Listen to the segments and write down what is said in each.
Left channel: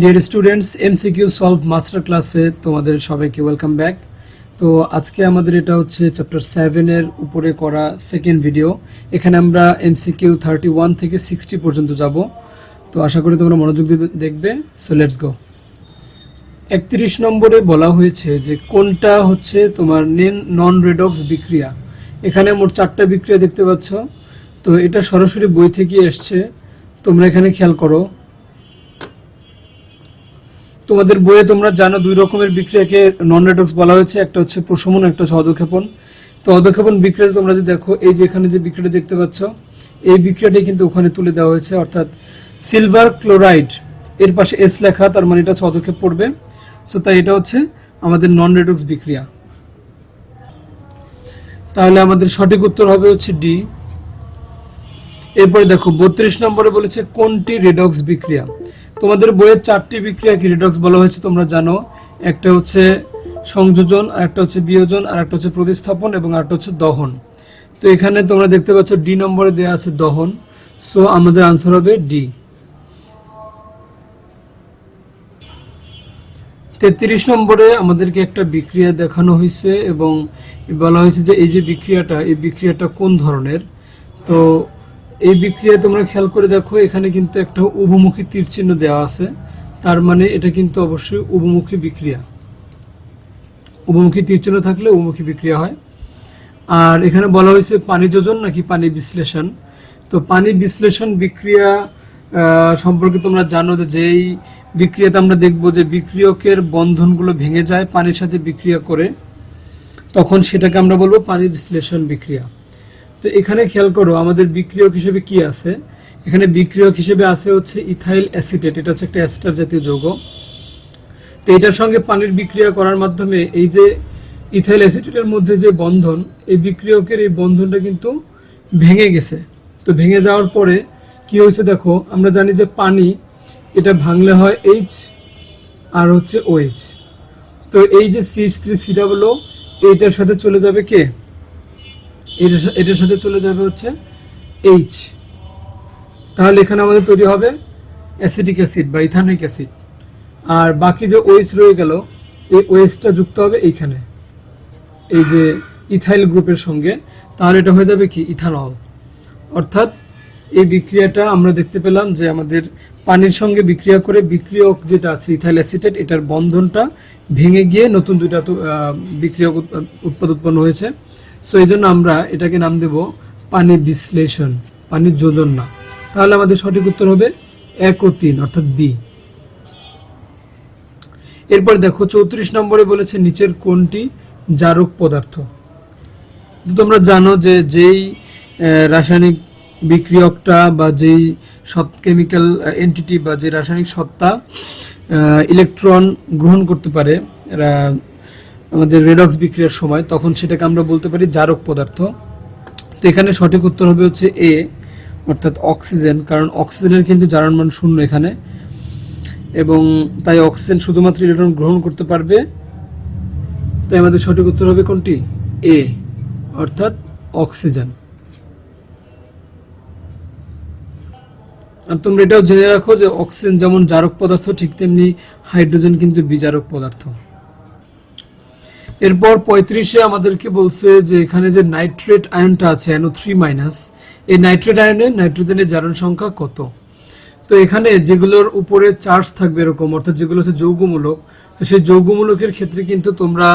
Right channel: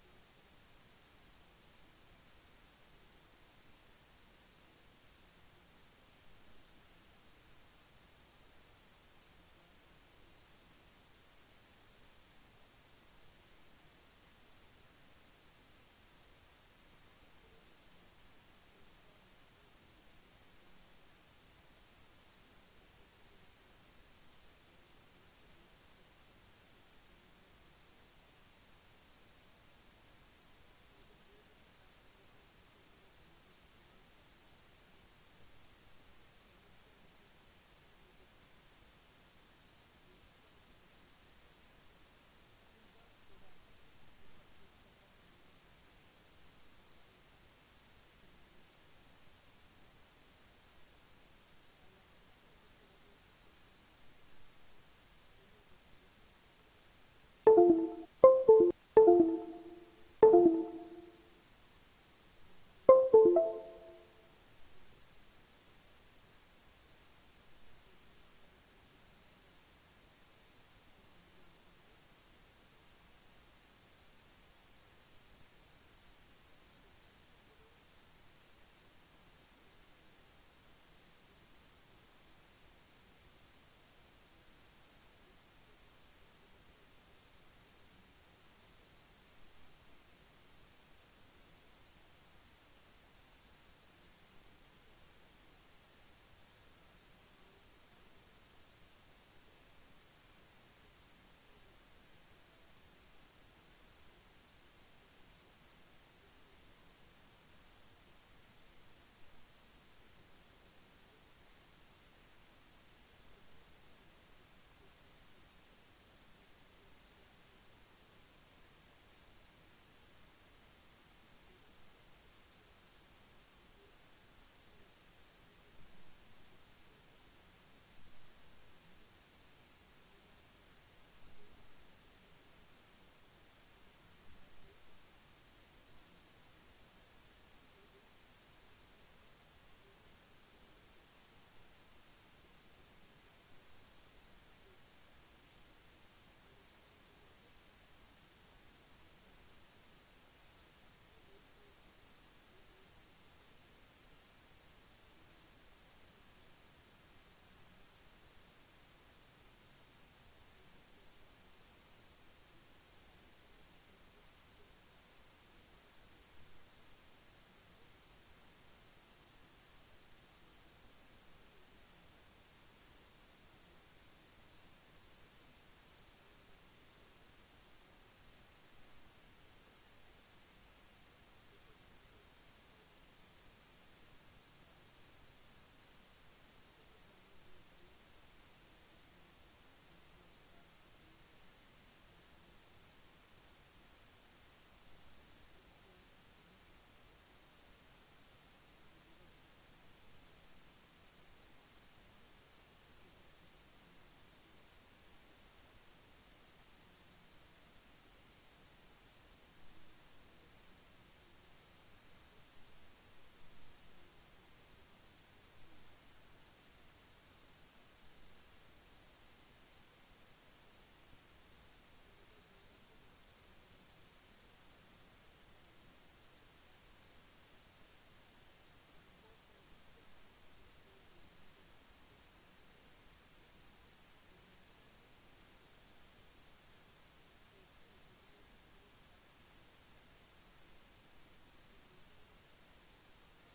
Dear students, MCQ solve master ক্লাসে তোমাদের সবাইকে ওয়েলকাম ব্যাক। তো আজকে আমাদের এটা হচ্ছে চ্যাপ্টার 7 এর উপরে করা সেকেন্ড ভিডিও। এখানে আমরা এমসিকিউ 31 থেকে 60 পর্যন্ত যাব। তো আশা করি তোমরা মনোযোগ দিয়ে দেখবে। So let's go. 31 নম্বরে বলা হয়েছে যে কোনটা হচ্ছে তোমার নন রেডক্স বিক্রিয়া। এখানে মোট 4টা বিক্রিয়া দেখতে পাচ্ছ। তো এটা সরাসরি বই থেকে এসছে, তোমরা এখানে খেয়াল করো। তোমাদের বইয়ে তোমরা জানো দুই রকমের বিক্রিয়াকে নন রেডক্স বলা হয়েছে, একটা হচ্ছে প্রশমন, একটা হচ্ছে অধঃক্ষেপণ। তো অধঃক্ষেপণ বিক্রিয়া তোমরা যদি দেখো, এই যে এখানে যে বিক্রিয়াটা দেখতে পাচ্ছ, এই বিক্রিয়াটাই কিন্তু ওখানে তুলে দেওয়া হয়েছে, অর্থাৎ সিলভার ক্লোরাইড এর পাশে এস লেখা, তার মানে এটা হচ্ছে অধঃক্ষেপ পড়বে। সো তাই এটা হচ্ছে আমাদের নন রেডক্স বিক্রিয়া। তাহলে আমাদের সঠিক উত্তর হবে হচ্ছে ডি। এরপরে দেখো 32 নম্বরে বলেছে কোনটি রেডক্স বিক্রিয়া। তোমাদের বইয়ে 4টি বিক্রিয়াকে রেডক্স বলা হয়েছে, তোমরা জানো। একটা হচ্ছে সংযোজন, আর একটা হচ্ছে বিয়োজন, আর একটা হচ্ছে প্রতিস্থাপন, এবং আরেকটা হচ্ছে দহন। তো এখানে তোমরা দেখতে পাচ্ছ ডি নম্বরে দেওয়া আছে দহন। সো আমাদের আনসার হবে ডি। 33 নম্বরে আমাদেরকে একটা বিক্রিয়া দেখানো হয়েছে এবং বলা হয়েছে যে এই যে বিক্রিয়াটা, এই বিক্রিয়াটা কোন ধরনের। তো এই বিক্রিয়া তোমরা খেয়াল করে দেখো, এখানে কিন্তু একটা উভমুখী তীর চিহ্ন দেওয়া আছে, তার মানে এটা কিন্তু অবশ্যই উভমুখী বিক্রিয়া। উভমুখী তীর চিহ্ন থাকলে উভমুখী বিক্রিয়া হয়। আর এখানে বলা হয়েছে পানি যোজন নাকি পানি বিশ্লেষণ। তো পানি বিশ্লেষণ বিক্রিয়া সম্পর্কে তোমরা জানো যে যেই বিক্রিয়াতে আমরা দেখব যে বিক্রিয়কের বন্ধনগুলো ভেঙে যায় পানির সাথে বিক্রিয়া করে, তখন সেটাকে আমরা বলবো পানি বিশ্লেষণ বিক্রিয়া। তো এখানে খেয়াল করো আমাদের বিক্রিয়ক হিসেবে কি আছে। এখানে বিক্রিয়ক হিসেবে আছে হচ্ছে ইথাইল অ্যাসিটেট, এটা হচ্ছে একটা অ্যাস্টার জাতীয় যৌগ। তো এটার সঙ্গে পানির বিক্রিয়া করার মাধ্যমে এই যে ইথাইল অ্যাসিটেটের মধ্যে যে বন্ধন, এই বিক্রিয়কের এই বন্ধনটা কিন্তু ভেঙে গেছে। তো ভেঙে যাওয়ার পরে কি হয়েছে দেখো, আমরা জানি যে পানি এটা ভাঙলে হয় এইচ আর হচ্ছে ওএইচ। তো এই যে CH3COO এইটার সাথে চলে যাবে কে, এটার সাথে চলে যাবে হচ্ছে এইচ। তাহলে এখানে আমাদের তৈরি হবে অ্যাসিটিক অ্যাসিড বা ইথানোইক অ্যাসিড। আর বাকি যে ওএইচ রয়ে গেল, এই ওএইচটা যুক্ত হবে এইখানে, এই যে ইথাইল গ্রুপের সঙ্গে। তাহলে এটা হয়ে যাবে কি ইথানল। অর্থাৎ এই বিক্রিয়াটা আমরা দেখতে পেলাম যে আমাদের পানির সঙ্গে বিক্রিয়া করে বিক্রিয়ক যেটা আছে ইথাইল অ্যাসিটেট, এটার বন্ধনটা ভেঙে গিয়ে নতুন দুইটা বিক্রিয়ক উৎপন্ন হয়েছে। সো এই জন্য আমরা এটাকে নাম দেব পানি বিশ্লেষণ, পানি যোজন না। তাহলে আমাদের সঠিক উত্তর হবে 1 ও 3 অর্থাৎ বি। এরপর দেখো 34 নম্বরে বলেছে নিচের কোনটি জারক পদার্থ। তোমরা জানো যে যেই রাসায়নিক বিক্রিয়কটা বা যেই কেমিক্যাল এন্টিটি বা যে রাসায়নিক সত্তা ইলেকট্রন গ্রহণ করতে পারে আমাদের রেডক্স বিক্রিয়ার সময়, তখন সেটাকে আমরা বলতে পারি জারক পদার্থ। তো এখানে সঠিক উত্তর হবে হচ্ছে এ, অর্থাৎ অক্সিজেন। কারণ অক্সিজেনের কিন্তু জারণ মান 0 এখানে, এবং তাই অক্সিজেন শুধুমাত্র ইলেকট্রন গ্রহণ করতে পারবে। তাই আমাদের সঠিক উত্তর হবে কোনটি, এ, অর্থাৎ অক্সিজেন। আর তোমরা এটাও জেনে রাখো যে অক্সিজেন যেমন জারক পদার্থ, ঠিক তেমনি হাইড্রোজেন কিন্তু বিজারক পদার্থ। এরপর 35-এ আমাদেরকে বলছে যে এখানে যে নাইট্রেট আয়নটা আছে NO3-, এই নাইট্রেট আয়নে নাইট্রোজেনের জারণ সংখ্যা কত। তো এখানে যেগুলোর উপরে চার্জ থাকবে এরকম, অর্থাৎ যেগুলো হচ্ছে যৌগমূলক, তো সেই যৌগমূলকের ক্ষেত্রে কিন্তু তোমরা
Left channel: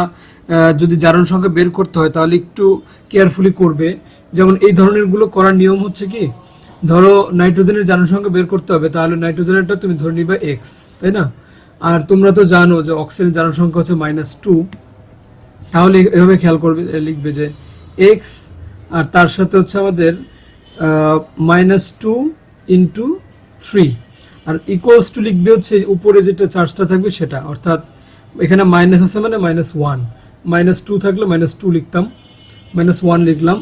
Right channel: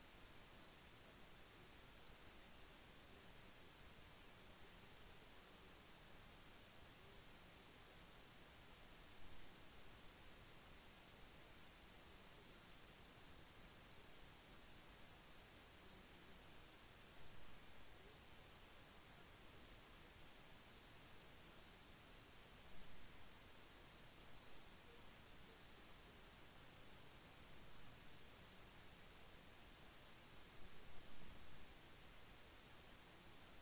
যদি জারণ সংখ্যা বের করতে হয় তাহলে একটু কেয়ারফুলি করবে। যেমন এই ধরনের গুলো করার নিয়ম হচ্ছে কি, ধরো নাইট্রোজেনের জারণ সংখ্যা বের করতে হবে, তাহলে নাইট্রোজেনেরটা তুমি ধরে নিবে x, তাই না। আর তোমরা তো জানো যে অক্সিজেনের জারণ সংখ্যা হচ্ছে -2। তাহলে এভাবে খেয়াল করবে, লিখবে যে x আর তার সাথে হচ্ছে আমাদের -2 × 3, আর ইকুয়ালস টু লিখবে হচ্ছে উপরে যেটা চার্জটা থাকবে সেটা, অর্থাৎ এখানে মাইনাস আছে মানে -1, -2 থাকলে -2 লিখতাম, -1 লিখলাম।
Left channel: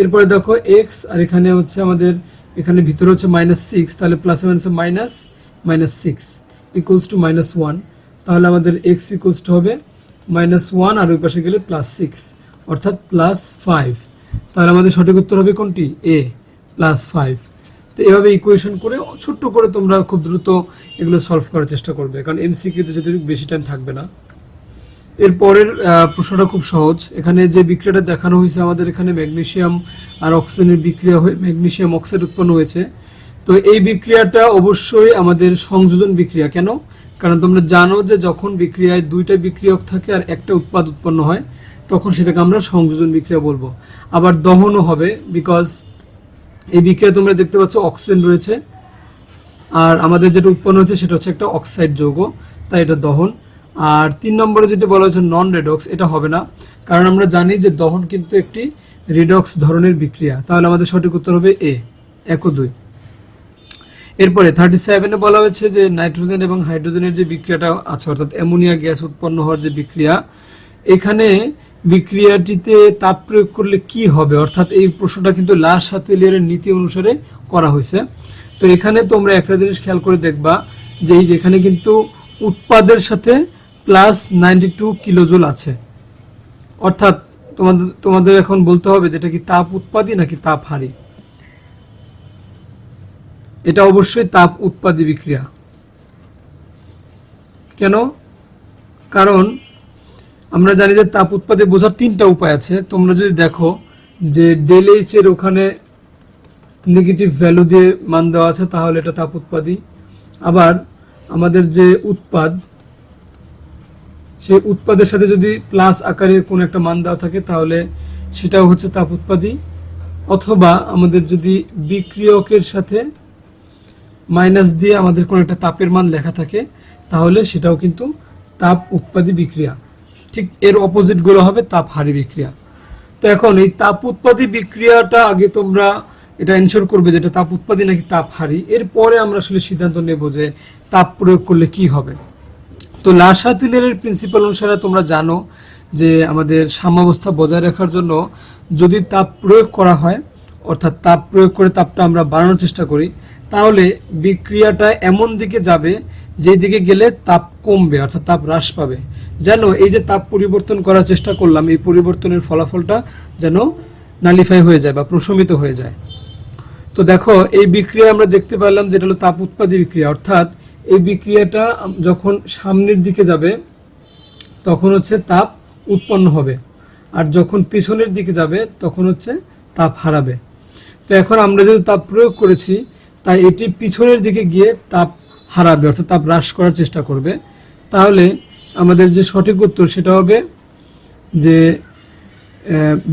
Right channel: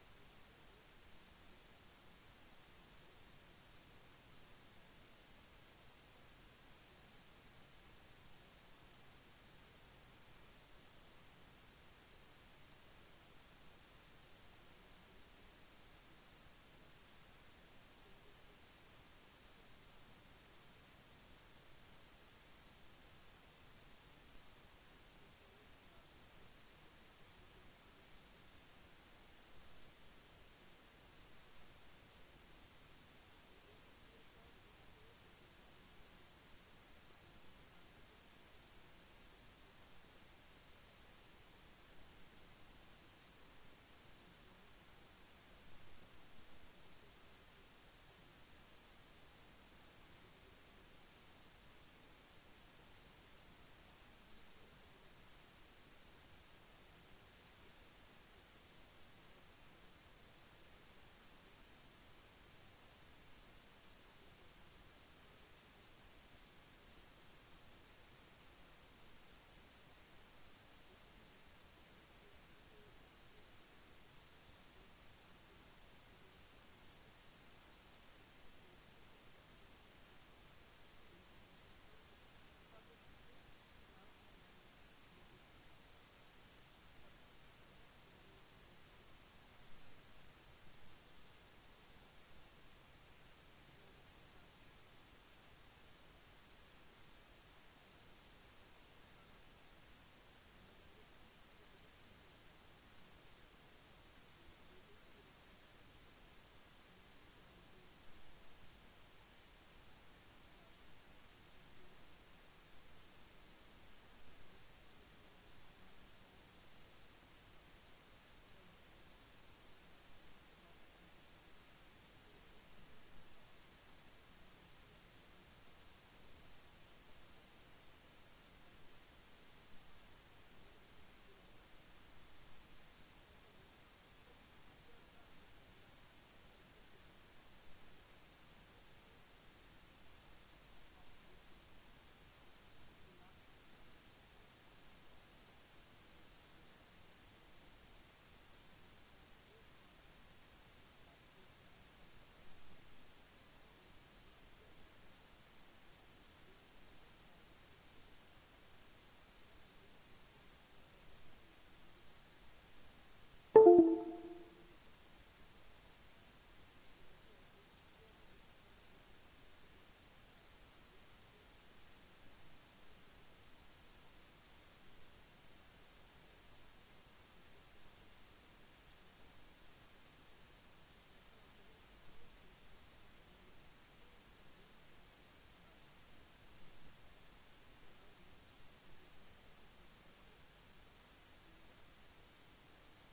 এরপরে দেখো x, আর এখানে হচ্ছে আমাদের এখানে ভিতরে হচ্ছে -6, তাহলে প্লাস মাইনাসে -6 ইকুয়ালস টু -1। তাহলে আমাদের x ইকুয়ালস টু হবে -1, আর ওই পাশে গেলে +6 অর্থাৎ +5। তাহলে আমাদের সঠিক উত্তর হবে কোনটি, এ, +5। তো তো এভাবে ইকুয়েশন করে ছোট্ট করে তোমরা খুব দ্রুত এগুলো সলভ করার চেষ্টা করবে, কারণ এমসিকিউতে যদি বেশি টাইম থাকবে না। এরপরের প্রশ্নটা খুব সহজ। এখানে যে বিক্রিয়াটা দেখানো হয়েছে আমাদের, এখানে ম্যাগনেসিয়াম আর অক্সিজেনের বিক্রিয়া হয়ে ম্যাগনেসিয়াম অক্সাইড উৎপন্ন হয়েছে। তো এই বিক্রিয়াটা অবশ্যই আমাদের সংযোজন বিক্রিয়া। কেন? কারণ তোমরা জানো যে যখন বিক্রিয়ায় দুইটা বিক্রিয়ক থাকে আর একটা উৎপাদ উৎপন্ন হয়, তখন সেটাকে আমরা সংযোজন বিক্রিয়া বলবো। আবার দহনও হবে, বিকজ এই বিক্রিয়া তোমরা দেখতে পাচ্ছ অক্সিজেন রয়েছে, আর আমাদের যেটা উৎপন্ন হচ্ছে সেটা হচ্ছে একটা অক্সাইড যৌগ, তাই এটা দহন। আর 3 নম্বরে যেটা বলা হচ্ছে নন রেডক্স, এটা হবে না, কারণ আমরা জানি যে দহন কিন্তু একটি রিডক্স ধরনের বিক্রিয়া। তাহলে আমাদের সঠিক উত্তর হবে এ, 1 ও 2। এরপরে 37-এ বলা হয়েছে যে নাইট্রোজেন এবং হাইড্রোজেনের যে বিক্রিয়াটা আছে, অর্থাৎ অ্যামোনিয়া গ্যাস উৎপন্ন হওয়ার যে বিক্রিয়া, এখানে বিক্রিয়াটিতে তাপ প্রয়োগ করলে কি হবে, অর্থাৎ এই প্রশ্নটা কিন্তু লা শাতেলিয়ারের নীতি অনুসারে করা হয়েছে। তো এখানে তোমরা একটা জিনিস খেয়াল করে দেখবা যে এই যেখানে কিন্তু উৎপাদের সাথে প্লাস 92 কিলোজুল আছে, অর্থাৎ তোমাদের এখন বলতে হবে যেটা কি তাপ উৎপাদী নাকি তাপ হারি। এটা অবশ্যই তাপ উৎপাদী বিক্রিয়া। কেন? কারণ আমরা জানি যে তাপ উৎপাদী বোঝার 3টা উপায় আছে। তোমরা যদি দেখো যে ডেল এইচ এর ওখানে নেগেটিভ ভ্যালু দিয়ে মান দেওয়া আছে, তাহলে এটা তাপ উৎপাদী। আবার আমাদের যে উৎপাদ, সেই উৎপাদের সাথে যদি প্লাস আকারে কোনো একটা মান দেওয়া থাকে, তাহলে সেটাও হচ্ছে তাপ উৎপাদী। অথবা আমাদের যদি বিক্রিয়কের সাথে মাইনাস দিয়ে আমাদের কোনো একটা তাপের মান লেখা থাকে, তাহলে সেটাও কিন্তু তাপ উৎপাদী বিক্রিয়া। ঠিক এর অপোজিট গুলো হবে তাপ হারি বিক্রিয়া। তো এখন এই তাপ উৎপাদী বিক্রিয়াটা আগে তোমরা এটা এনশোর করবে যেটা তাপ উৎপাদী নাকি তাপ হারি। এরপরে আমরা আসলে সিদ্ধান্ত নেব যে তাপ প্রয়োগ করলে কি হবে। তো লা শাতেলিয়ারের প্রিন্সিপাল অনুসারে তোমরা জানো যে আমাদের সাম্যাবস্থা বজায় রাখার জন্য যদি তাপ প্রয়োগ করা হয়, অর্থাৎ তাপ প্রয়োগ করে তাপটা আমরা বাড়ানোর চেষ্টা করি, তাহলে বিক্রিয়াটা এমন দিকে যাবে যেই দিকে গেলে তাপ কমবে, অর্থাৎ তাপ হ্রাস পাবে। যেন এই যে তাপ পরিবর্তন করার চেষ্টা করলাম, এই পরিবর্তনের ফলাফলটা যেন নালিফাই হয়ে যায় বা প্রশমিত হয়ে যায়। তো দেখো এই বিক্রিয়া আমরা দেখতে পেলাম যেটা হলো তাপ উৎপাদী বিক্রিয়া, অর্থাৎ এই বিক্রিয়াটা যখন সামনের দিকে যাবে তখন হচ্ছে তাপ উৎপন্ন হবে, আর যখন পিছনের দিকে যাবে তখন হচ্ছে তাপ হারাবে। তো এখন আমরা যেহেতু তাপ প্রয়োগ করেছি, তাই এটি পিছনের দিকে গিয়ে তাপ হারাবে, অর্থাৎ তাপ হ্রাস করার চেষ্টা করবে। তাহলে আমাদের যে সঠিক উত্তর সেটা হবে যে